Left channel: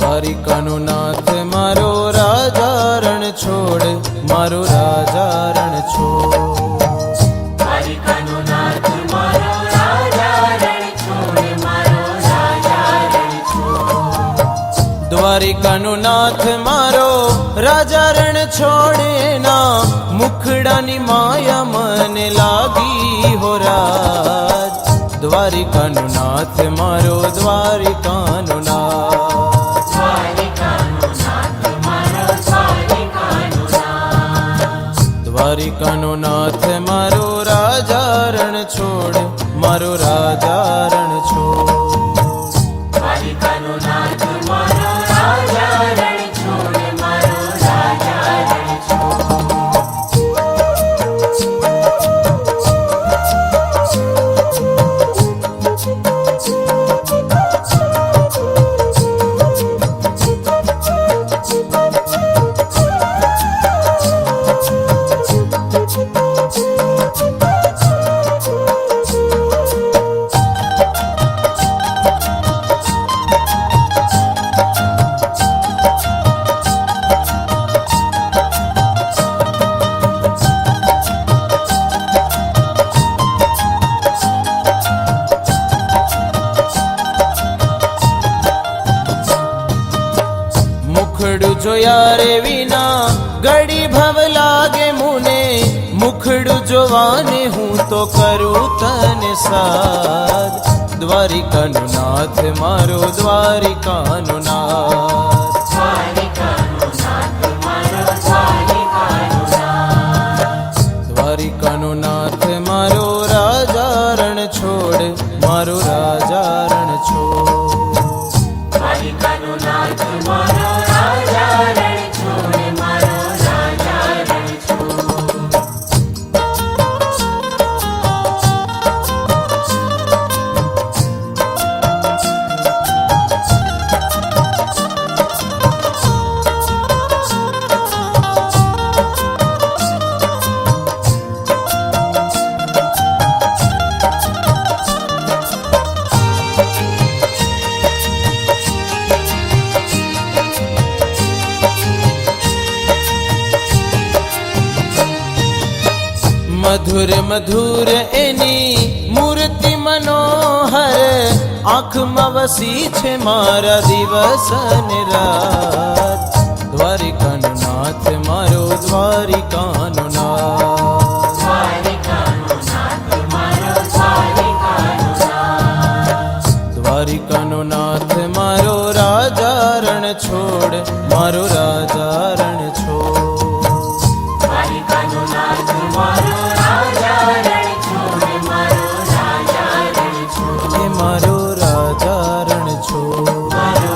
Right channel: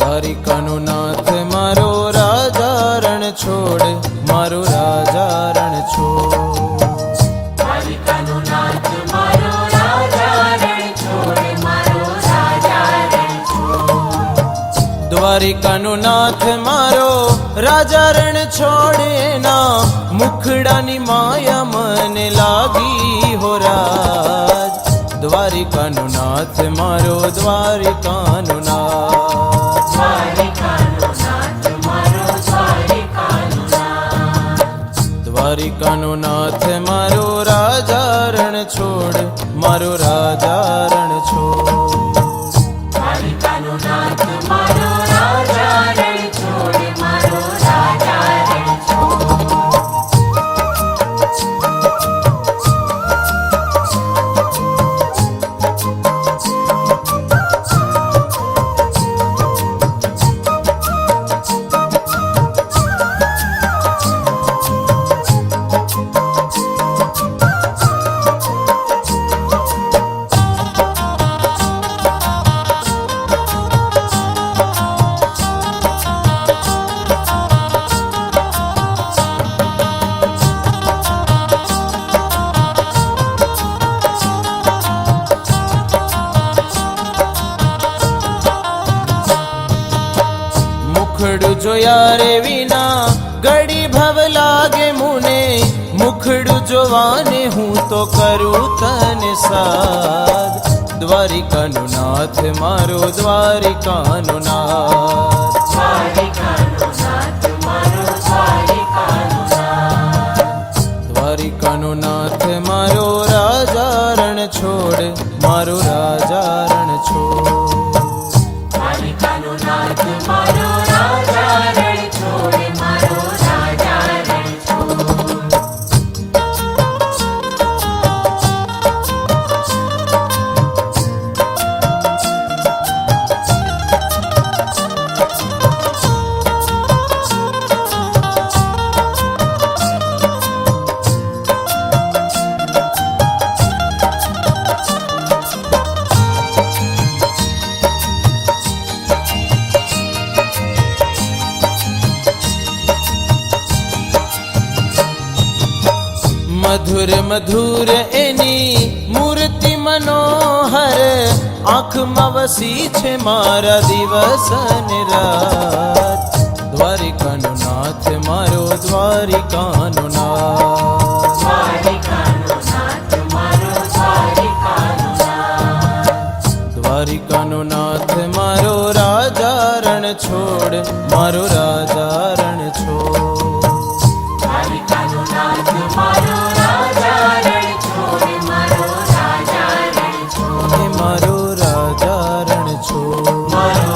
દ્વારિકાનો નાથ મારો રાજા રણ છોડ, મારો રાજા રણ છોડ. દ્વારિકાનો નાથ મારો રાજા રણ છોડ, મારો રાજા રણ છોડ. દ્વારિકાનો નાથ મારો રાજા રણ છોડ, એના મુખડાની માયા મને લાગી હો રાજ. દ્વારિકાનો નાથ મારો દ્વારિકાનો નાથ, દ્વારિકાનો નાથ મારો દ્વારિકાનો નાથ. દ્વારિકાનો નાથ મારો રાજા રણ છોડ, મારો રાજા રણ છોડ. દ્વારિકાનો નાથ મારો રાજા રણ છોડ, મારો રાજા રણ છોડ. મુખડું જોયા રે વિના ઘડી ભવ લાગે મુને, મુખડું જોવાને હું તો કરું તને સાદ. દ્વારિકાનો નાથ મારો દ્વારિકાનો નાથ, દ્વારિકાનો નાથ મારો દ્વારિકાનો નાથ. દ્વારિકાનો નાથ મારો રાજા રણ છોડ, મારો રાજા રણ છોડ. દ્વારિકાનો નાથ મારો રાજા રણ છોડ, મારો રાજા રણ છોડ. મધુર મધુર એની મૂર્તિ મનોહર, આંખમાં વસી છે મારા દિવસ ને રાત. દ્વારિકાનો નાથ મારો દ્વારિકાનો નાથ, દ્વારિકાનો નાથ મારો દ્વારિકાનો નાથ. દ્વારિકાનો નાથ મારો રાજા રણ છોડ, મારો રાજા રણ છોડ. દ્વારિકાનો નાથ મારો રાજા રણ છોડ, મારો રાજા રણ છોડ. એ મારો રાજા રણ છોડ. મારો